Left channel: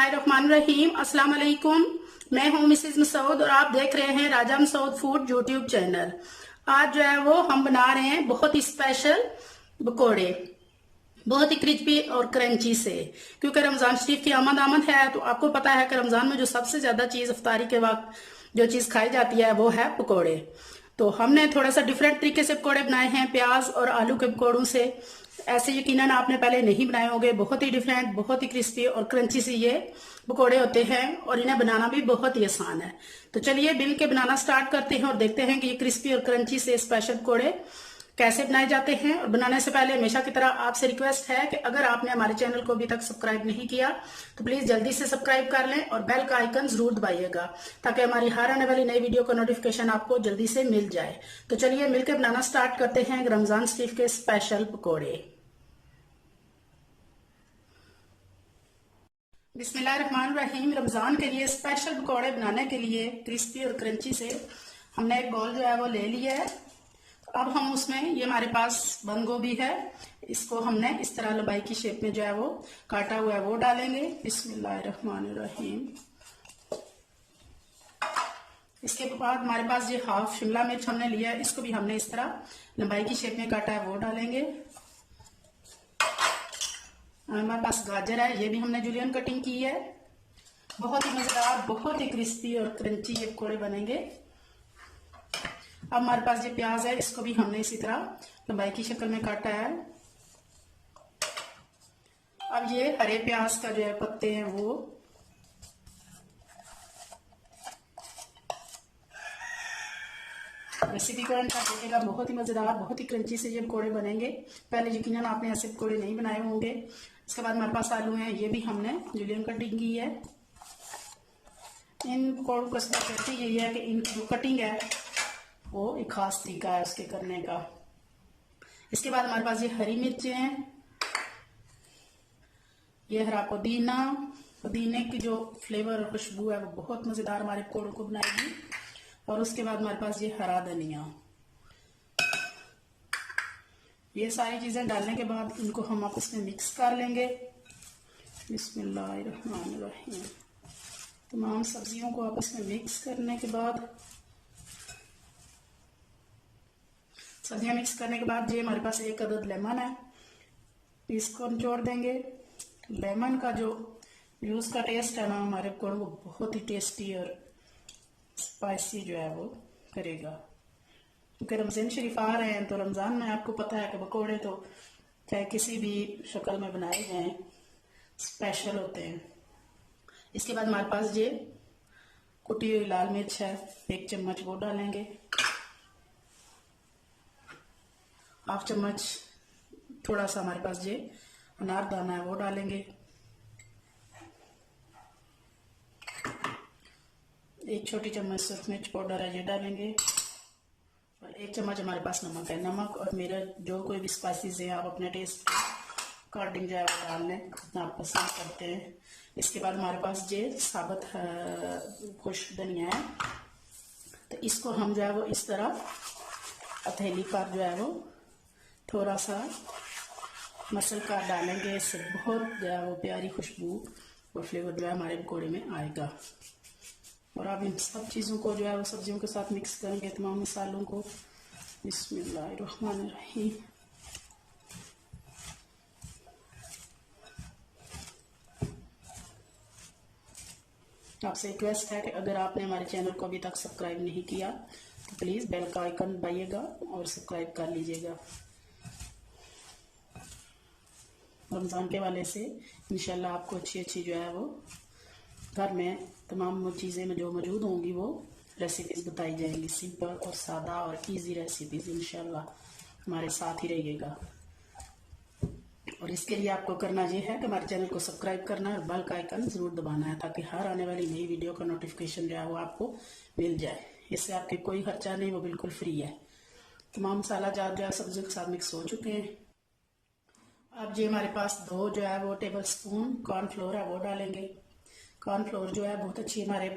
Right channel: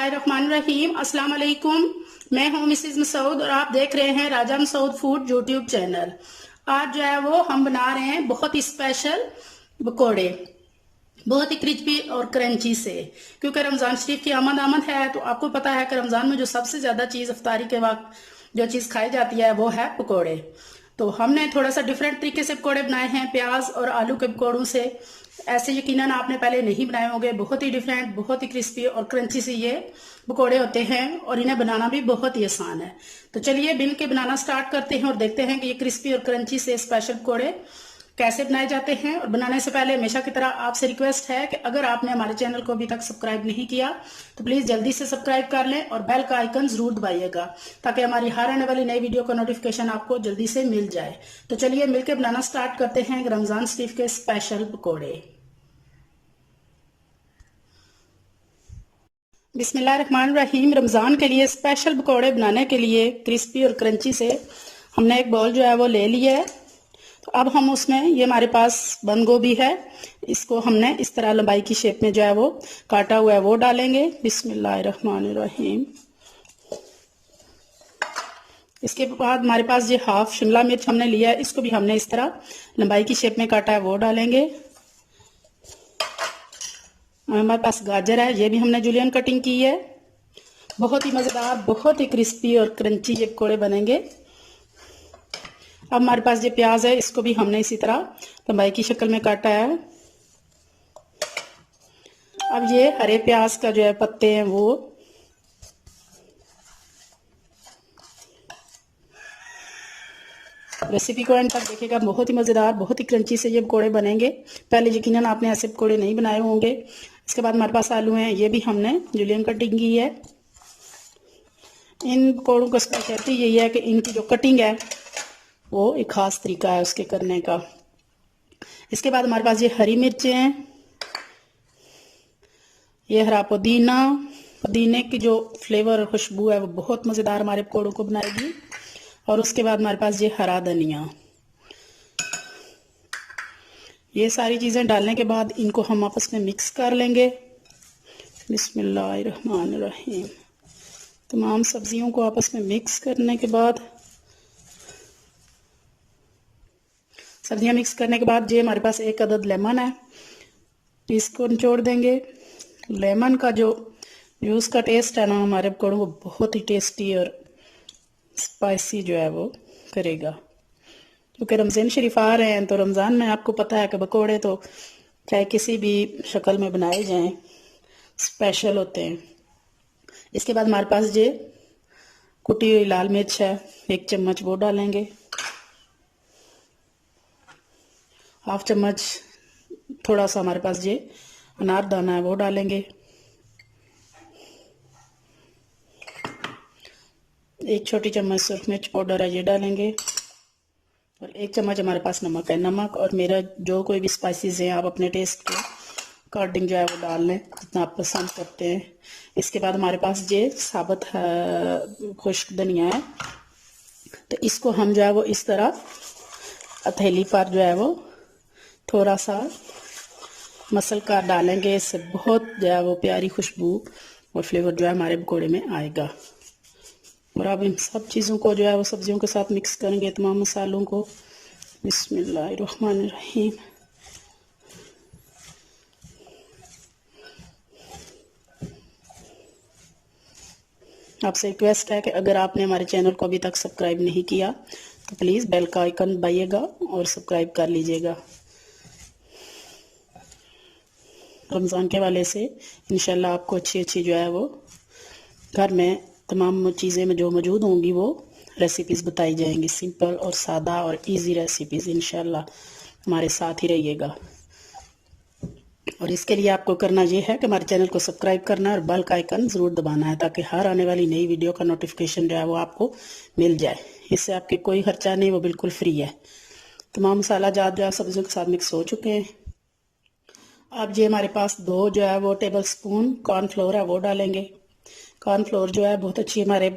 बिस्मिल्लाहिर्रहमानिर्रहीम। अस्सलाम वालेकुम। मैं हूं मिसेज मसूद और आप देख रहे हैं राजा मसूद फूड यूट्यूब चैनल। आज जो है वो हम बना रहे हैं बहुत ही स्पेशल पकौड़े, बहुत ही क्रिस्पी और क्रंची से। क्योंकि रमजान शरीफ की आमद है तो आपको पता है कि रमजान में जो सबसे ज्यादा चीज इफ्तारी के वक्त जो चीज खाई जाती है वो है पकौड़े। तो हमने थोड़ा सा डिफरेंट तरीके से पकौड़े बनाए हैं, प्याज और आलू के पकौड़ों से। ऐसे यकीनन आपने पहले नहीं बनाए होंगे। बहुत ही डिफरेंट, बहुत ही क्रिस्पी और क्रंची से ये पकौड़े होते हैं और इन्हें बनाना भी बहुत ही आसान है। तो चलिए मिल के बनाना स्टार्ट करते हैं और देखते हैं कि ये क्रिस्पी और क्रंची से स्पेशल पकौड़े कैसे बनाए जाते हैं। और बनाने से पहले हमेशा की तरह आपसे रिक्वेस्ट है कि अगर आपने हमारे चैनल को अभी तक सब्सक्राइब नहीं किया तो प्लीज जल्दी से सब्सक्राइब कर लें और बेल का आइकन जरूर दबाइएगा ताकि हमारी हर आने वाली नई वीडियो का नोटिफिकेशन आपको जल्दी से मिल जाए। तो चलिए मिलकर बनाना स्टार्ट करते हैं रमजान शरीफ के स्पेशल पकौड़े। बिस्मिल्लाहिर्रहमानिर्रहीम। रमजान के लिए स्पेशल पकौड़े बनाने के लिए क्रिस्पी और क्रंची से हमने एक बाउल जो है वो ले लिया है। तो अब हम उसमें, ये हमारे पास बंद गोभी है, इसको हमने इस तरह लंबाई की शेप में जो है वो काटा हुआ है वो डालेंगे। बिस्मिल्लाहिर्रहमानिर्रहीम। इसके बाद हमारे पास ये हाफ शिमला मिर्च हमने लिया है, इसको भी हमने इस तरह लंबाई की शेप में काटा है वो डालेंगे। हमारे पास गाजर है, ये भी हमने जूलियन कटिंग की है। बहुत ही मजेदार, बहुत ही क्रिस्पी और क्रंची ये पकौड़े बनेंगे। अब हमारे पास ये प्याज है, इसको भी हमने इसी तरह लंबाई की शक्ल में काटा है। अब ये हरे प्याज का जो है पत्ते हैं वो रेसिपी को एंड तक देखिएगा। बहुत ही मजेदार, बहुत ही क्रंची से ये पकौड़े बनेंगे। पहले यकीनन आपने ऐसे पकौड़े नहीं बनाए होंगे। इसके बाद हमारे पास आलू हैं, ये भी हमने जूलियन कटिंग की है। इन पकौड़ों को कहती यही है कि इनकी जो कटिंग है वो एक खास तरीका है उसके करने का। इसके बाद हमारे पास ये हरी मिर्चें हैं, ये हरा पुदीना। पुदीने की जो फ्लेवर और खुशबू है वो बहुत मजेदार हमारे पकौड़ों को बनाएगी। और उसके बाद हमारे पास ये हरा धनिया। ये सारी चीजें डालने के बाद इनको हम आपस में मिक्स कर लेंगे। बिस्मिल्लाहिर्रहमानिर्रहीम। तमाम सब्जियों को आपस में मिक्स करने के बाद, सब्जियां मिक्स करने के बाद ये हमारे पास एक अदद लेमन है, इसको निचोड़ देंगे। लेमन का जो यूज का टेस्ट है ना हमारे पकौड़ों को बहुत ही टेस्टी और स्पाइसी जो है वो करेगा। क्योंकि रमजान शरीफ आ रहे हैं तो रमजान में आपको पता है कि पकौड़े तो चाहे किसी भी शक्ल में बनाए जाएं स्पेशल होते हैं। इसके बाद हमारे पास ये कुटी हुई लाल मिर्च है, 1 चम्मच वो डालेंगे। हाफ चम्मच थोड़ा सा हमारे पास ये अनारदाना है वो डालेंगे। 1 छोटी चम्मच सुरख मिर्च पाउडर है ये डालेंगे। और 1 चम्मच हमारे पास नमक है। नमक और मेरा जो कोई भी स्पाइसेस हैं आप अपने टेस्ट के अकॉर्डिंग जो है वो डाल लें जितना आप पसंद करते हैं। इसके बाद हमारे पास ये साबुत खुश्क धनिया है, तो इसको हम जो है वो इस तरह हथेली पर जो है वो थोड़ा सा मसल कर डालेंगे। इससे बहुत जो है वो प्यारी खुशबू और फ्लेवर जो है हमारे पकौड़े में आएगा। और अब इन सब चीज़ों को जो है वो सब्जियों के साथ मिक्स करेंगे, तमाम मसालों को। बिस्मिल्लाहिर्रहमानिर्रहीम। आपसे रिक्वेस्ट है कि अगर आपने हमारे चैनल को अभी तक सब्सक्राइब नहीं किया तो प्लीज़ बेल का आइकन दबाइएगा और सब्सक्राइब कर लीजिएगा। रमज़ान के वाले से इंशाल्लाह आपको अच्छी अच्छी जो है वो घर में तमाम चीज़ें में जो मौजूद होंगी वो रेसिपीज़ बताई जाएंगी। सिंपल और सादा और इजी रेसिपीज़। इंशाल्लाह हमारे साथ ही रहिएगा। और इसके लिए आपको करना ये है कि हमारे चैनल को सब्सक्राइब करना और बेल का आइकन ज़रूर दबाना है ताकि हर आने वाली नई वीडियो का नोटिफिकेशन जो है वो आपको मिल जाए। इससे आपके कोई खर्चा नहीं, वो बिल्कुल फ्री है। तमाम मसाला जात जो है सब्जियों के साथ मिक्स हो चुके हैं। अब ये हमारे पास 2 जो है वो टेबल स्पून कॉर्नफ्लोर है वो डालेंगे। कॉर्नफ्लोर जो है बहुत अच्छी हमारे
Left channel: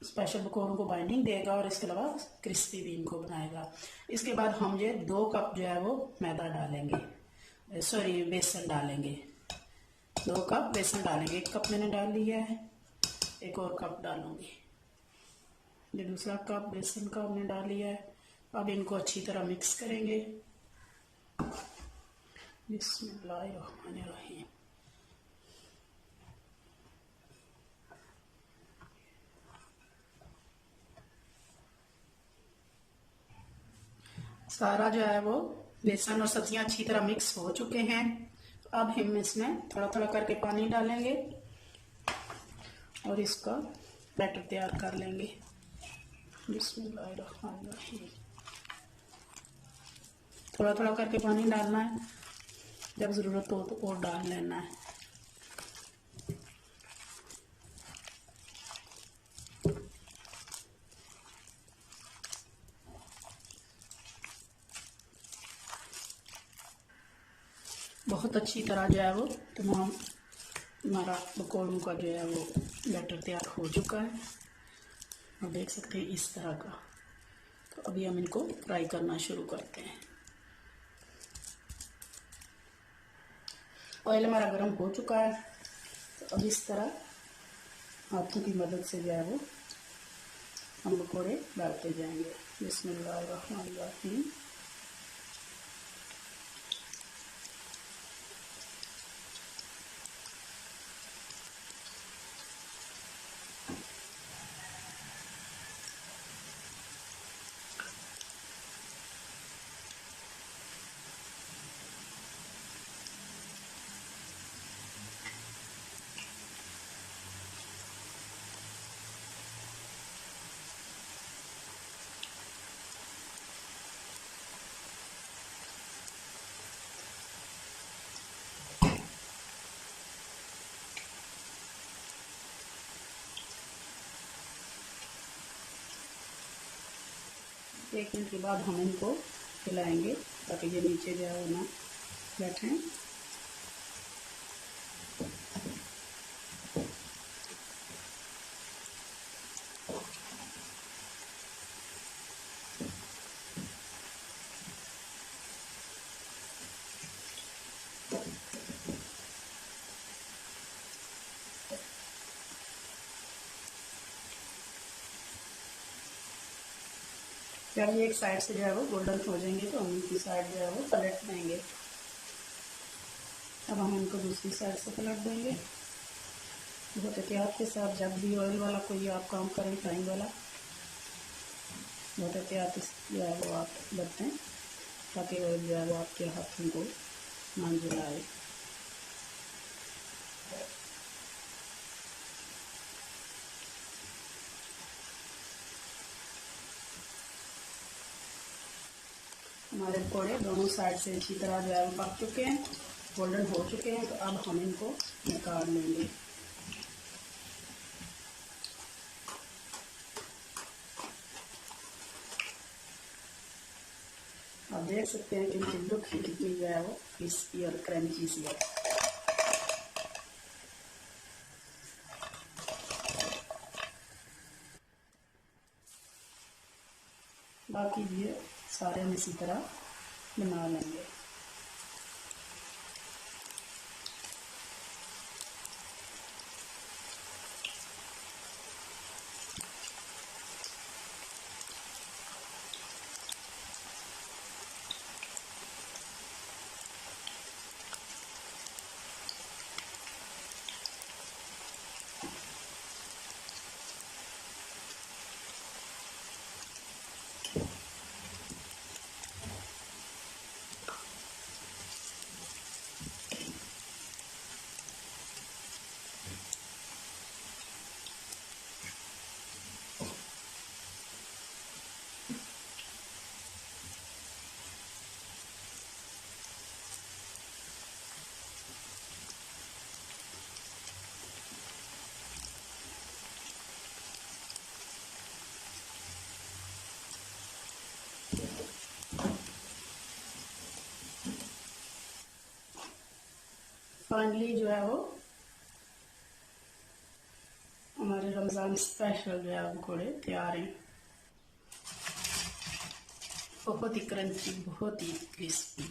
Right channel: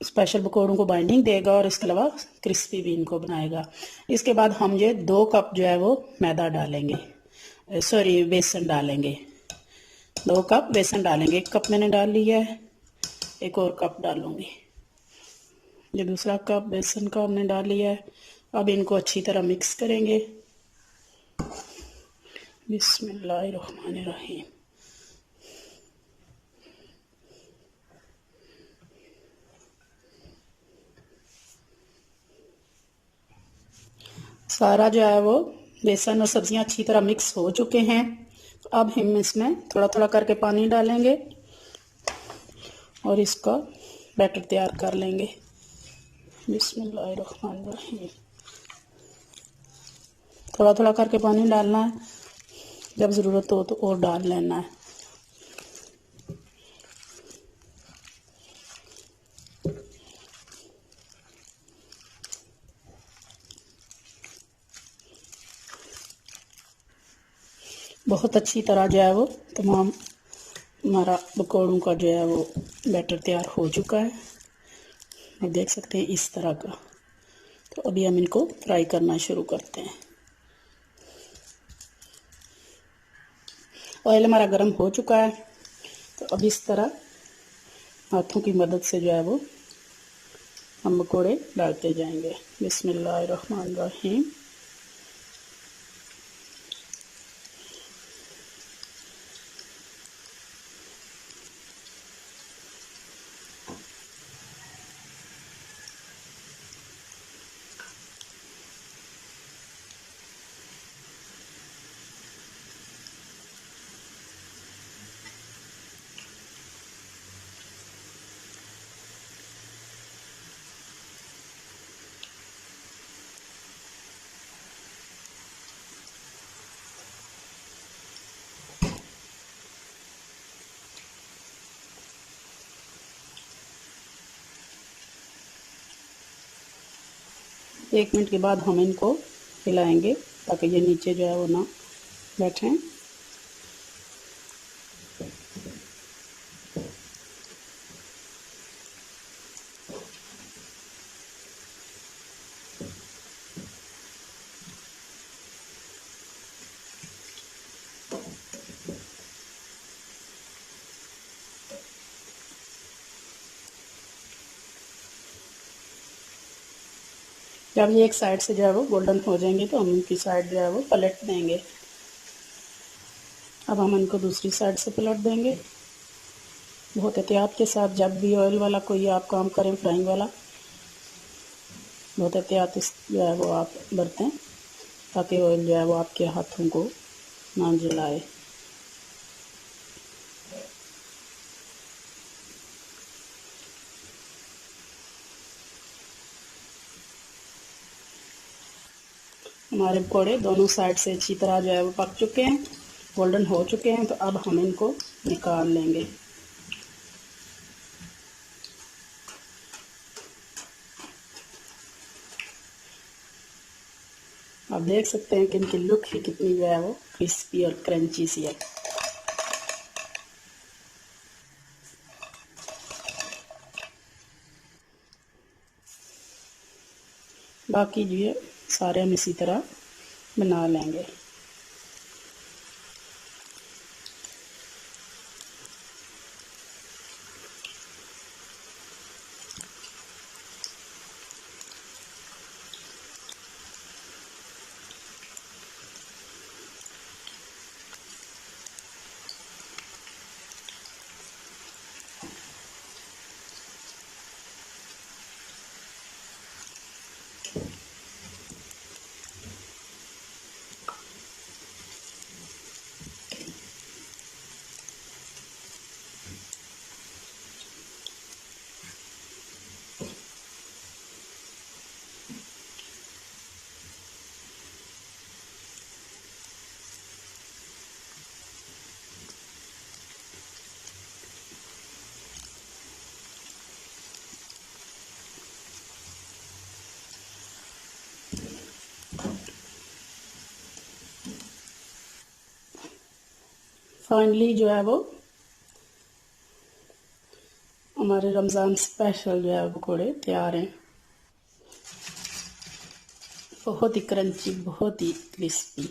स्पेशल पकौड़ों को बाइंडिंग देगा और इसके अलावा क्रिस्पी भी इनको बनाएगा। इसके बाद हम ये 2 कप जो है वो मैदा डालेंगे, सॉरी बेसन डालेंगे। 2 कप बेसन डालेंगे। 1 कप मैंने डाल लिया है, एक और कप डालूंगी। ये दूसरा कप बेसन का हमने डाल लिया है। अब इनको अच्छी तरह मिक्स करेंगे। बिस्मिल्लाहिर्रहमानिर्रहीम। सारा जो है वो बेसन और सब्जियां अच्छी तरह मिक्स हो चुके हैं। तो अब हम इसमें थोड़ा थोड़ा करके पानी डालेंगे और इसका बैटर तैयार कर लेंगे। बिस्मिल्लाहिर्रहमानिर्रहीम। थोड़ा थोड़ा करके पानी डालना है, जब ज़रूरत हो तो और डाल लेना है। बहुत अच्छी तरह जो है वो तमाम हमारा पकौड़ों का जो है वो बैटर तैयार हो चुका है। आप देख सकते हैं इस तरह का। तो अभी हम इनको फ्राई करना शुरू करते हैं। ऑयल हमारा गर्म हो चुका है। तो अब इस तरह हाथों की मदद से जो है वो हम पकौड़े डालते जाएंगे। बिस्मिल्लाहिर्रहमानिर्रहीम। एक मिनट के बाद हम इनको हिलाएंगे ताकि ये नीचे जो है वो ना बैठें। जब ये एक साइड से जो है वो गोल्डन हो जाएंगे तो हम उनकी साइड जो है वो पलट देंगे। अब हम इनको दूसरी साइड से पलट देंगे। बहुत एहतियात के साथ, जब भी ऑयल वाला कोई आप काम करें, फ्राइंग वाला, बहुत एहतियात जो है वो आप बरतें ताकि ऑयल जो है वो आपके हाथों को ना जलाए। हमारे पकौड़े दोनों साइड से अच्छी तरह जो है वो पक चुके हैं, गोल्डन हो चुके हैं। तो अब हम इनको निकाल लेंगे। आप देख सकते हैं कि इनकी लुक ही कितनी जो है वो क्रिस्पी और क्रंची सी है। बाकी जो है सारे हम इसी तरह बना लेंगे। फाइनली जो है वो हमारे रमज़ान स्पेशल जो है पकौड़े तैयार हैं। बहुत ही क्रंची, बहुत ही क्रिस्पी।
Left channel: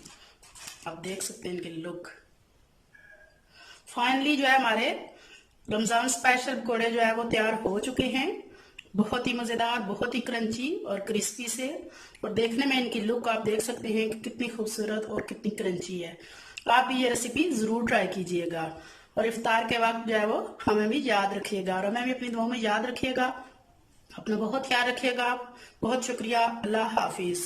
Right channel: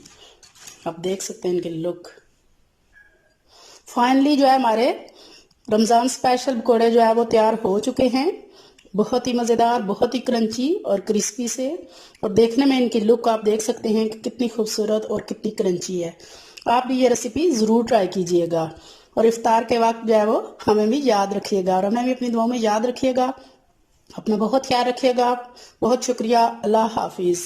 आप देख सकते हैं इनके लुक। फाइनली जो है हमारे रमज़ान स्पेशल पकौड़े जो है वो तैयार हो चुके हैं। बहुत ही मज़ेदार, बहुत ही क्रंची और क्रिस्पी से, और देखने में इनकी लुक आप देख सकते हैं कि कितनी खूबसूरत और कितनी क्रंची है। आप भी ये रेसिपी ज़रूर ट्राई कीजिएगा और इफ्तार के वक्त जो है वो हमें भी याद रखिएगा और हमें भी अपनी दुआओं में याद रखिएगा। अपना बहुत ख्याल रखिएगा। बहुत शुक्रिया। अल्लाह हाफिज़।